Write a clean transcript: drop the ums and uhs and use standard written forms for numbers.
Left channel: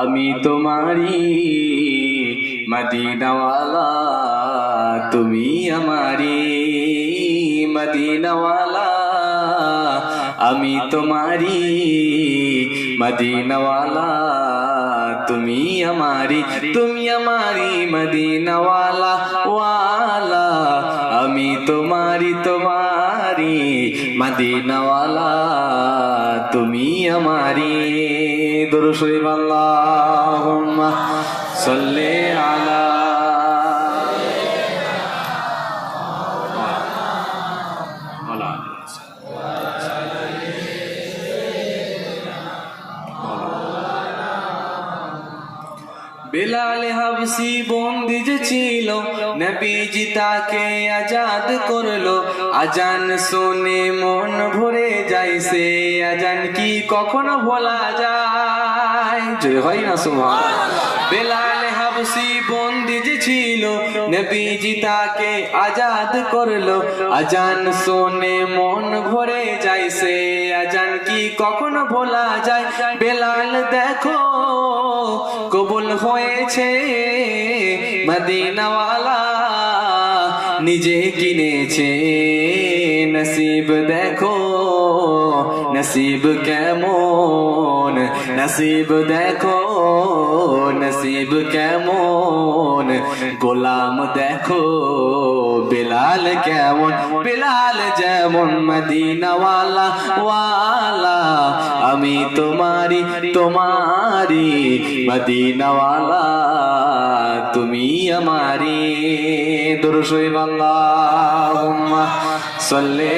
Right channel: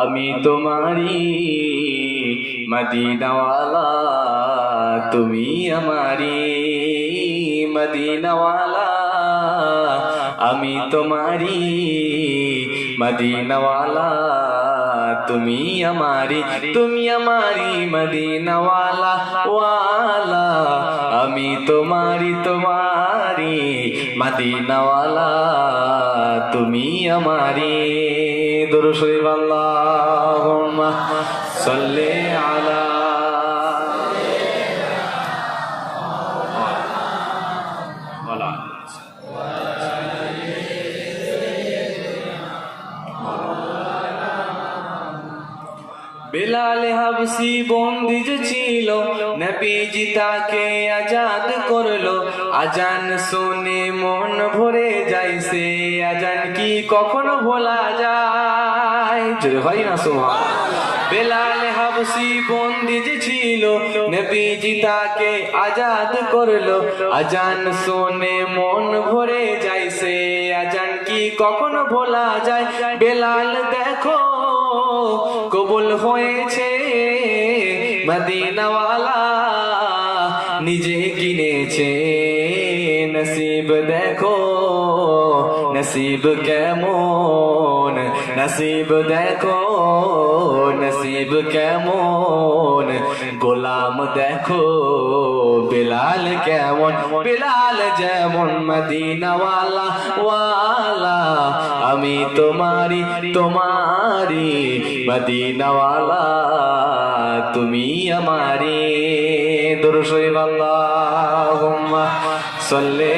আমি তোমারি মদিনাওয়ালা, তুমি আমারি মদিনাওয়ালা। আমি তোমারি মদিনাওয়ালা, তুমি আমারি মদিনাওয়ালা ওয়ালা। আমি তোমারি মদিনাওয়ালা, তুমি আমারি। দুরূদ শরীফ আল্লাহুম্মা সাল্লি আলা বেলাল হাবসি বন্দি যে ছিল, নবীজি তাকে আজাদ করলো। আজান শুনে মন ভরে যাইছে, আজান কি কখনো ভোলা যায়? জোরে হয় না সুবহানাল্লাহ। বেলাল হাবসি বন্দি যে ছিল, নবীজি তাকে আজাদ করলো। আজান শুনে মন ভরে যাইছে, আজান কি কখনো ভোলা যায়? বেলাল দেখো কবুল হয়েছে মদিনাওয়ালা, নিজে কিনেছে নসিব। দেখো নসিব কেমন, নসিব দেখো নসিব কেমন। গোলাম দেখো বেলাল কেমন, বেলাল যেমন মদিনাওয়ালা ওয়ালা। আমি তোমারি মদিনাওয়ালা, তুমি আমারি। দুরূদ শরীফ আল্লাহুম্মা সাল্লি